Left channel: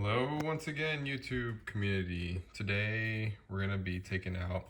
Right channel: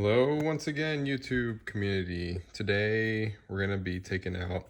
Hello once again, YouTube community. Today we're going to be taking out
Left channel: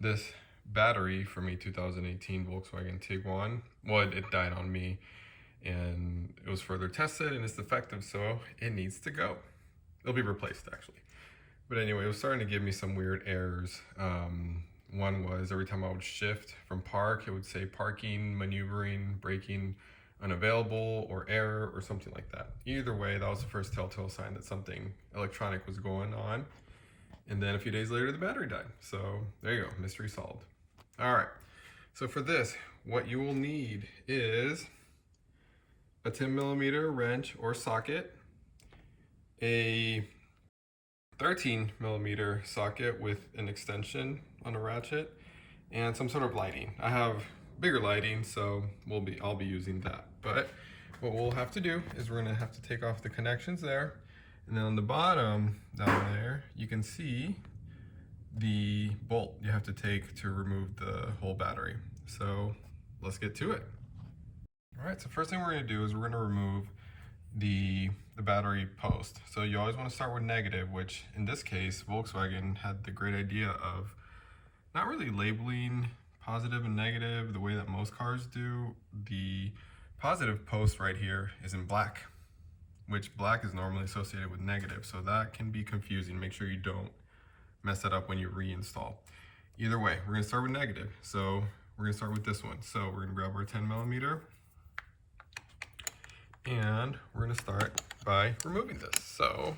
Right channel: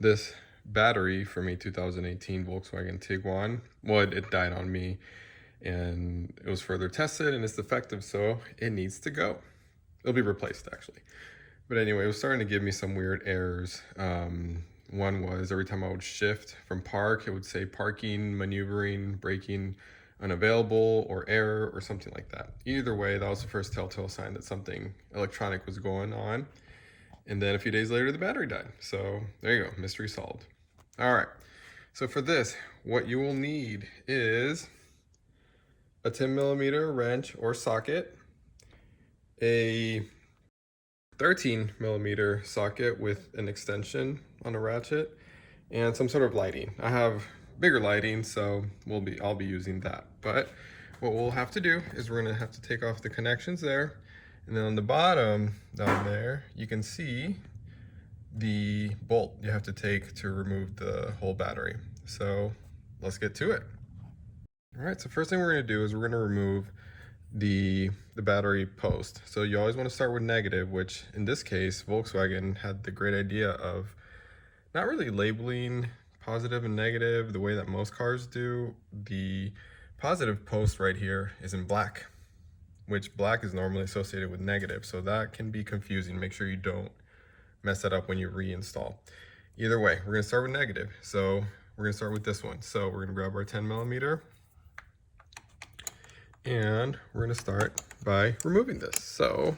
this battery from a 2018 Volkswagen Tiguan. It died on me and it was further tested and it's defective, so it needs to go. It'll be replaced actually. But anyway, it was starting to give me some weird errors. One was every time I would shift from park, it would say parking, maneuvering, braking, unavailable, or error, or something like that. Either way, that was the first telltale sign that something electronic was going on. And then a few days later, the battery died. So there you go, mystery solved. All right, so for this, what you will need is a 10mm wrench or socket, a 13mm socket with an extension on a ratchet, and some sort of lighting. I have bigger lighting, so I'll be using that. But what we'll have to do is we're gonna have to take off the connections there, and then on the bottom down there you can see the bolt you have to take to remove the whole battery. So let's get to it. All right, so first thing we're gonna do is we're gonna remove the battery post. So you always want to start with negative, which in this case Volkswagen had the great idea of not really labeling positive and negative the way that most cars do. The positive post right here is in black, which black is normally associated with negative, so that can be confusing. Make sure you don't mess that up when you reinstall. Either way, we're going to start with negative, so we're going to start with this one. So we're going to grab our 10mm and we're going to start by removing this. So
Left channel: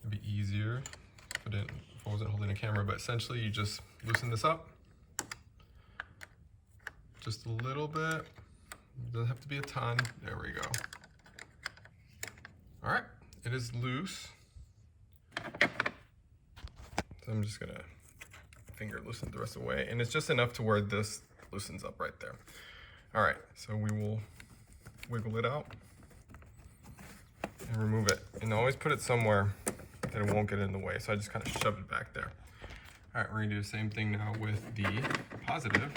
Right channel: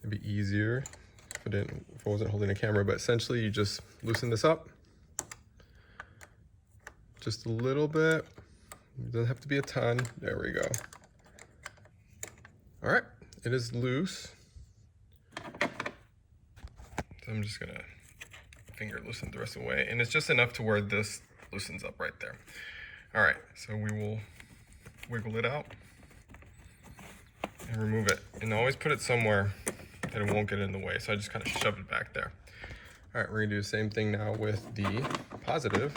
it'd be easier if I wasn't holding a camera, but essentially you just loosen this up just a little bit. It doesn't have to be a ton. There we go. All right, it is loose. So I'm just gonna finger loosen the rest of the way, and it's just enough to where this loosens up right there. All right, so we will wiggle it out and remove it, and always put it somewhere that it won't get in the way. So I just kind of shove it back there. All right, we're gonna do the same thing now with the positive.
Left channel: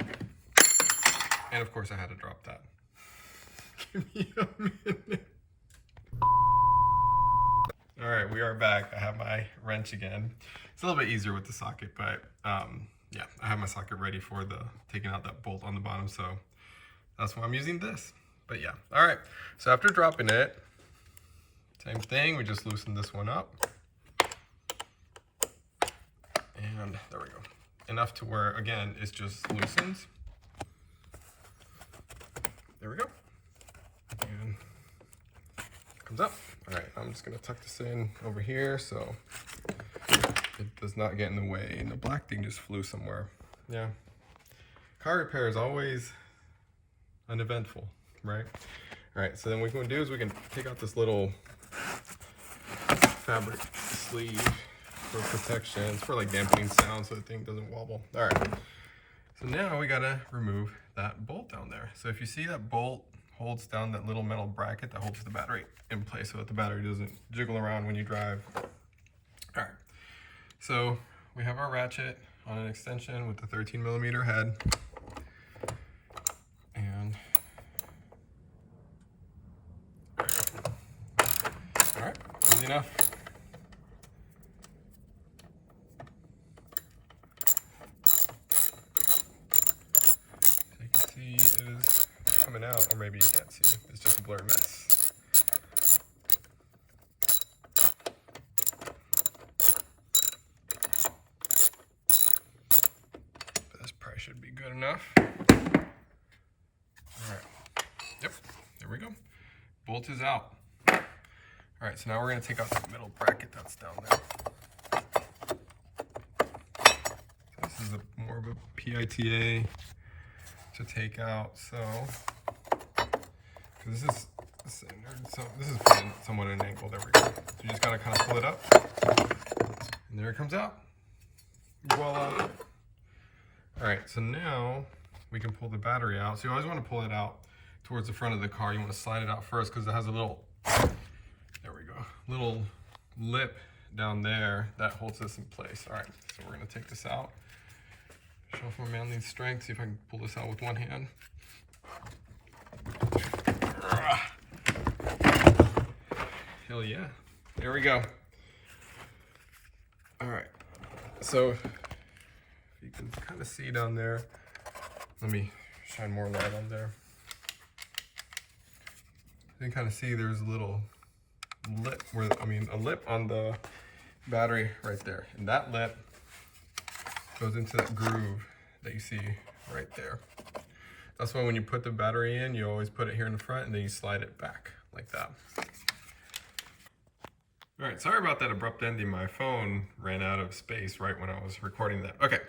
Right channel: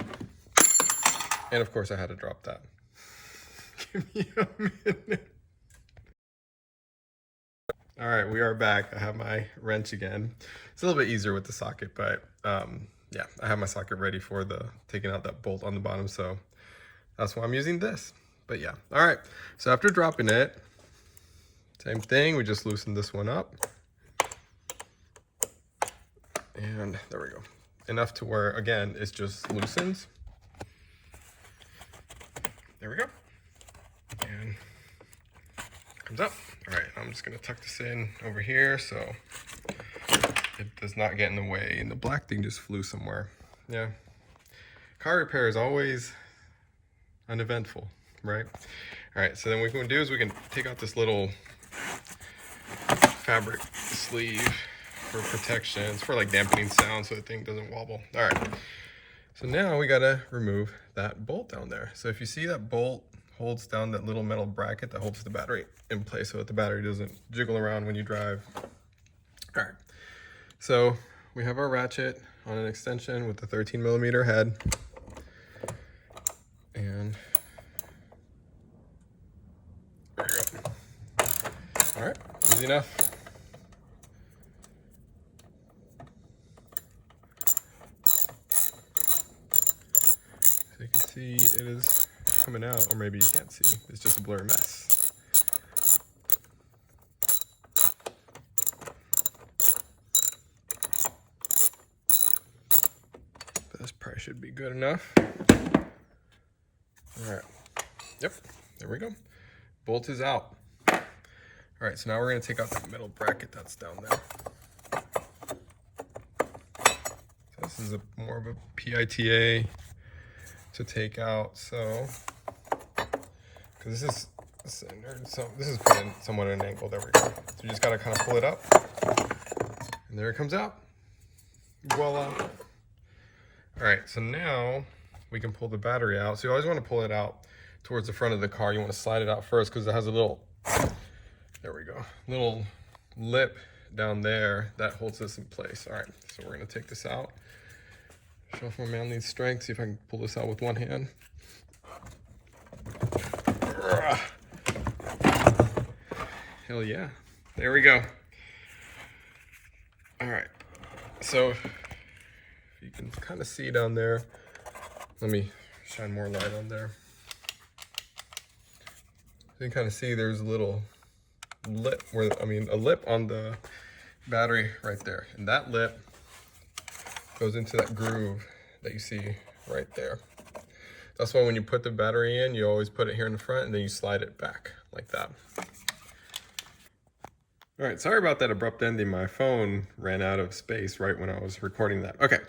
And of course I had to drop that. Give me a minute. All right, we are back. I have my wrench again. It's a little bit easier with the socket, but yeah, I have my socket ready for taking out that bolt on the bottom, so that's why I'm using this. But yeah, all right. So after dropping it, same thing, we just loosen this one up. And there we go. Enough to where, again, it just loosens. There we go. And comes up. All right, I'm just gonna tuck this in over here so it does not get in the way. And the black thing just flew somewhere. Yeah. Car repair is always uneventful, right? All right, so then what we're gonna do is we can take out this little fabric sleeve for protection. It's for like dampening sound so the thing doesn't wobble. All right. So now we gotta remove that bolt down there. So if you see that bolt holds down that little metal bracket that holds the battery in place so that the battery doesn't jiggle around when you drive. All right, so we have our ratchet on an extension with the 13mm head. And there you go. All right, easy enough. See, it is coming out, or maybe you can't see. It's just a blurry mess. This probably should be good enough. All right. Yep, there we go. Bolt is out. All right, so now we're gonna take out that middle bracket that's down there. This is more of a PITA to take out, so because this is put in somewhat at an angle. There we go. So you just gotta kind of pull it up, and there it comes out. Voila! All right, so now we can pull the battery out. So you always want to pull it out towards the front of the car. You want to slide it out first because it has a little, there we go, little lip down there that holds this in place. All right, so we're gonna take this out. Show off my manly strength, see if I can pull this out with one hand. Hell yeah. there we go. All right, so you can kind of see down there. Let me shine more light on there. You can kind of see there's a little lip, a lip on the battery right there. And that lip goes into that groove that you see right there. That's why when you put the battery in, you always put it here in the front and then you slide it back like that. All right, sorry about that abrupt ending. My phone ran out of space right when I was recording that. Okay,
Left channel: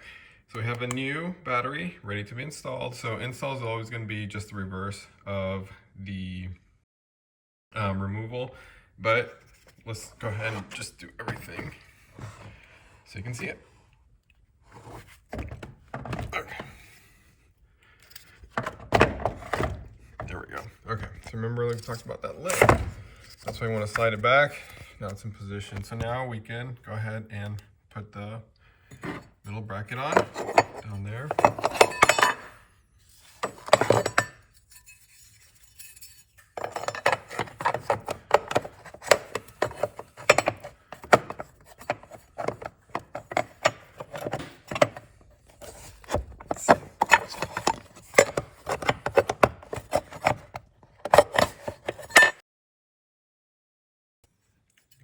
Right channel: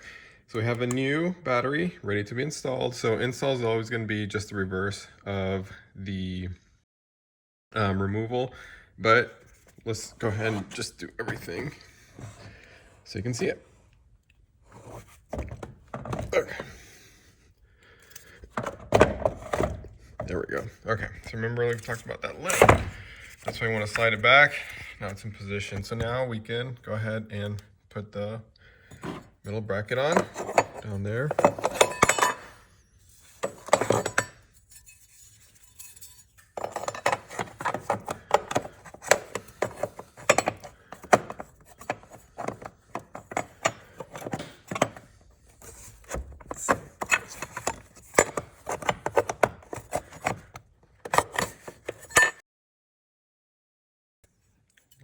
so we have a new battery ready to be installed. So install is always going to be just the reverse of the removal, but let's go ahead and just do everything so you can see it. Okay. There we go. Okay, so remember we talked about that lip. That's why you want to slide it back. Now it's in position. So now we can go ahead and put the middle bracket on down there.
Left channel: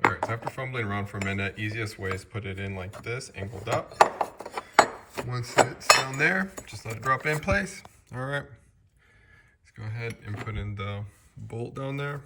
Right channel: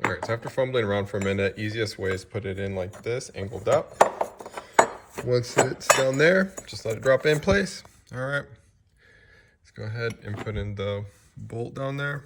All right, so after fumbling around for a minute, easiest way is to put it in like this, angled up. Once it's down there, just let it drop in place. All right, let's go ahead and put in the bolt down there.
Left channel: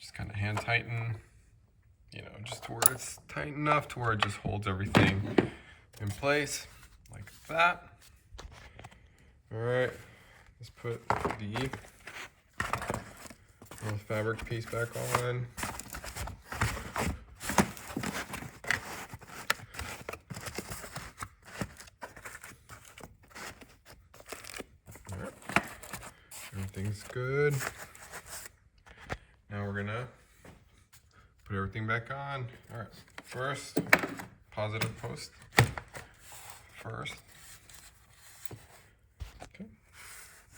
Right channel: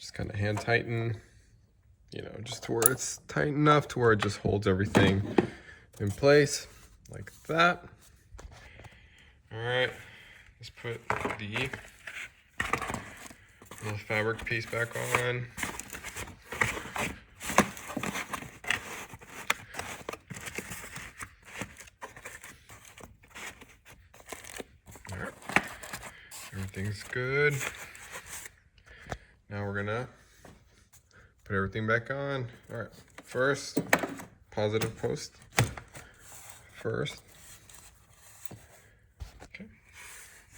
Just kind of hand tighten, you know, just to where it's tight enough to where it just holds everything in place like that. All right, let's put the little fabric piece back on. All right, everything's good. Now we're gonna put everything back on. All right, first, positive post first. Okay,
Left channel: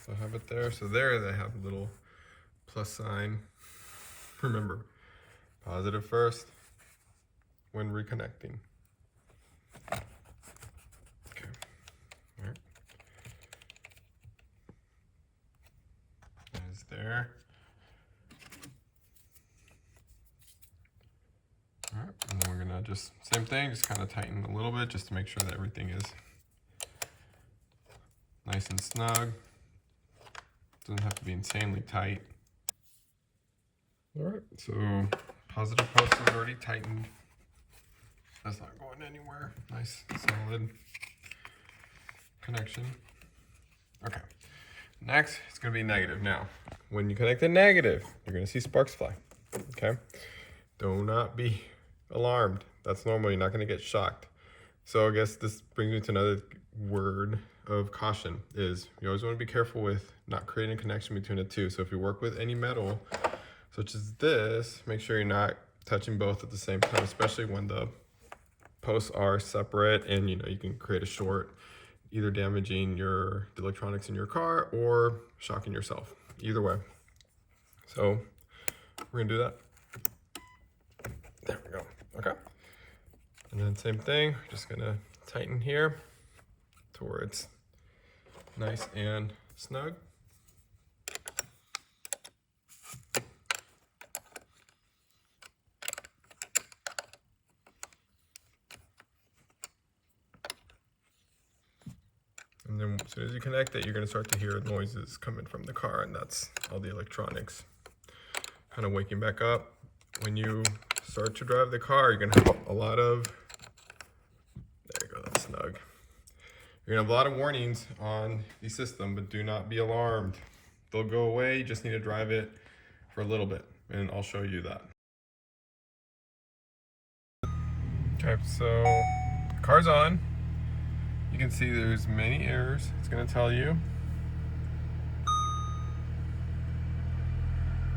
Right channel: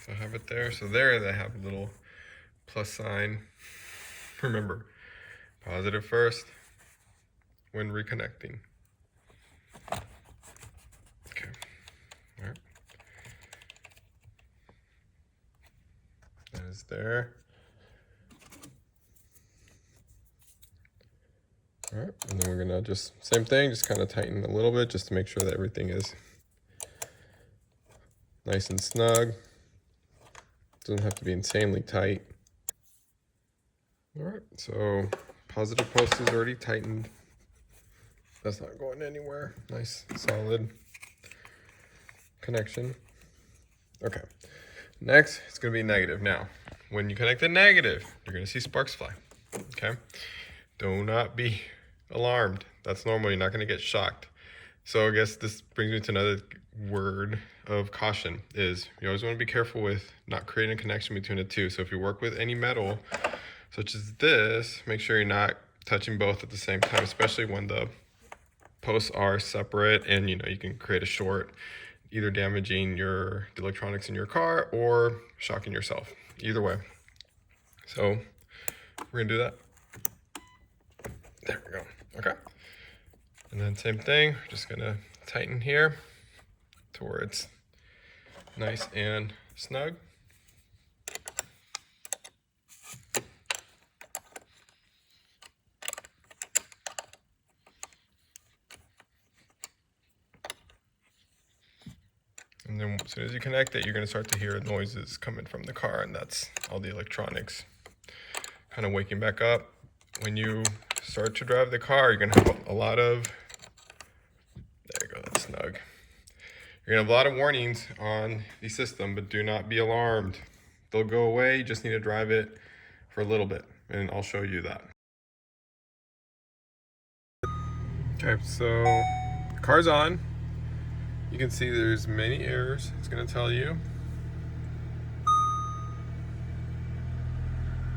so I have it there. So there they have a little plus sign. Remember, positive first when reconnecting. Okay, all right. That is there. All right, and then we're gonna just, same thing, just kind of tighten a little bit just to make sure that everything is nice and snug. Doesn't have to be insanely tight. All right, so positive post is already tightened. That's not going anywhere. Nice, solid connection. Okay, next, it's gonna be negative. Now, when you connect the negative, you're gonna see sparks fly, okay? Do not be alarmed. That's normal. You're not going to get shocked. So I guess this brings me to another word of caution is you always want to be careful with not creating a connection between the two. So if you work with any metal such as this, make sure you're not touching both at the same time, especially when the posts are separate and you know you can create a short, either damaging the electronics in your car or shocking yourself. Either way. So we're gonna do that. There we go. Okay. And then same thing, just gonna tighten here to where it's nice and snug. And then as soon as you connect it, you're gonna start to hear noises coming from the car, and that's all the electronics kind of waking back up. When you start to drive the car, you're gonna have a lot of, there you go, that's snug. You're gonna have a lot of warnings on the system, but do not be alarmed. they'll go away. You just need to drive it for a little bit, and I'll show you that. Okay, so the car's on. You can see there's many errors. It's gonna tell you.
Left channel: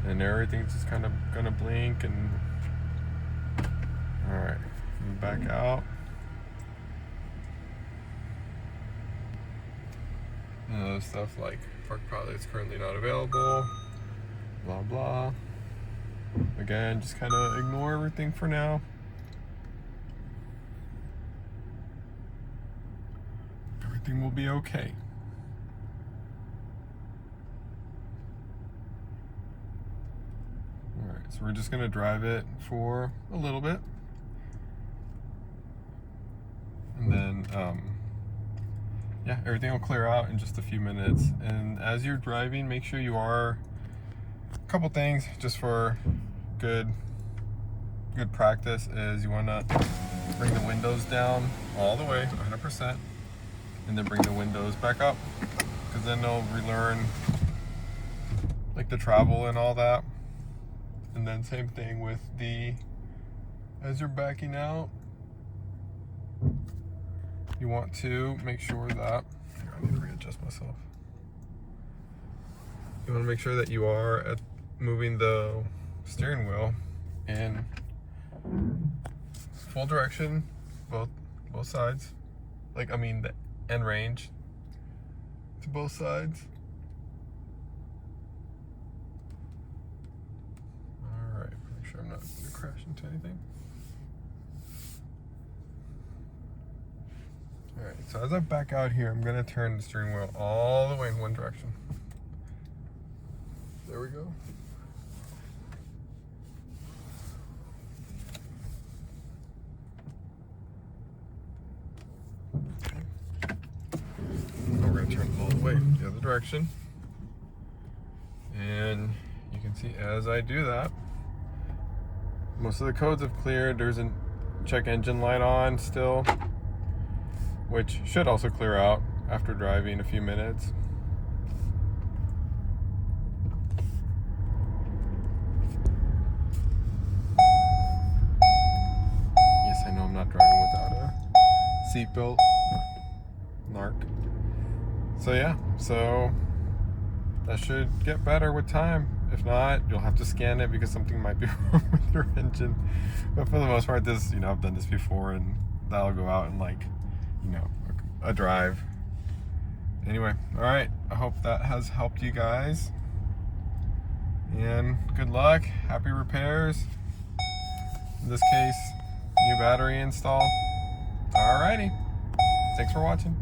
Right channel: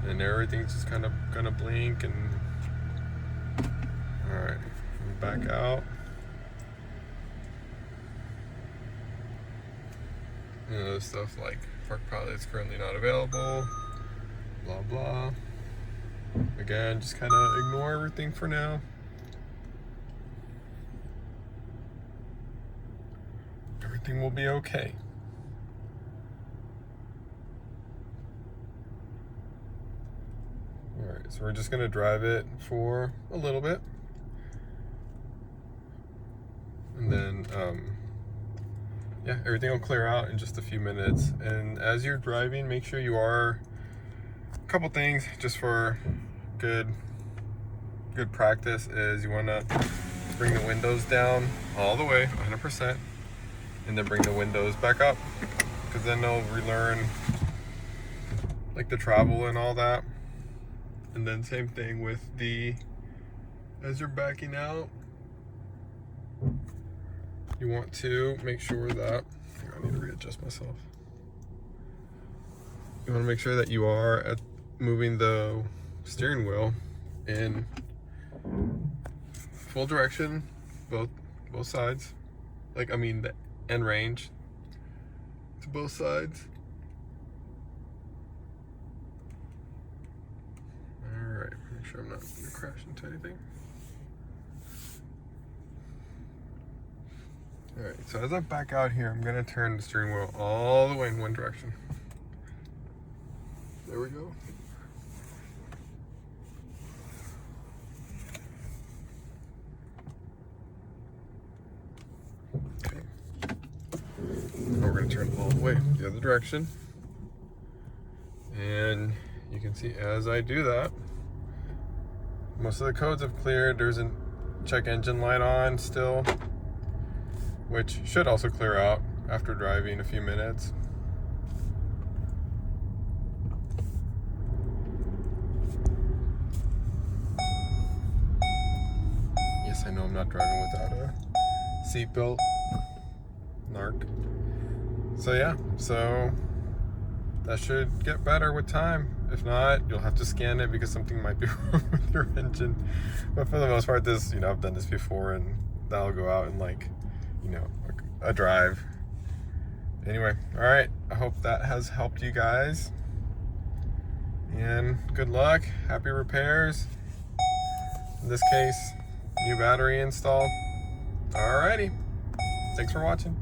And everything's just kind of gonna blink and all right, back out. And other stuff like Park Pilot's currently not available, blah blah. Again, just kind of ignore everything for now. Everything will be okay. All right, so we're just gonna drive it for a little bit. And then, yeah, everything will clear out in just a few minutes. And as you're driving, make sure you are, a couple things just for good practice is you wanna bring the windows down all the way, 100%, and then bring the windows back up, because then they'll relearn like the travel and all that. And then same thing with as you're backing out, you want to make sure that, I need to readjust myself. You want to make sure that you are moving the steering wheel in full direction, both sides. Like, I mean, the end range to both sides. All right, make sure I'm not going to crash into anything. All right, so as I back out here, I'm gonna turn the steering wheel all the way in one direction. There we go. Okay. Now we're gonna turn it all the way the other direction. And you can see as I do that, most of the codes have cleared. There's a check engine light on still, which should also clear out after driving a few minutes. Yes, I know I'm not driving without a seatbelt. Narc. So yeah, so that should get better with time. If not, you'll have to scan it because something might be wrong with your engine. But for the most part, this, you know, I've done this before, and that'll go out in like, you know, a drive. Anyway, all right, I hope that has helped you guys, and good luck, happy repairs. In this case, new battery install. All righty, thanks for watching.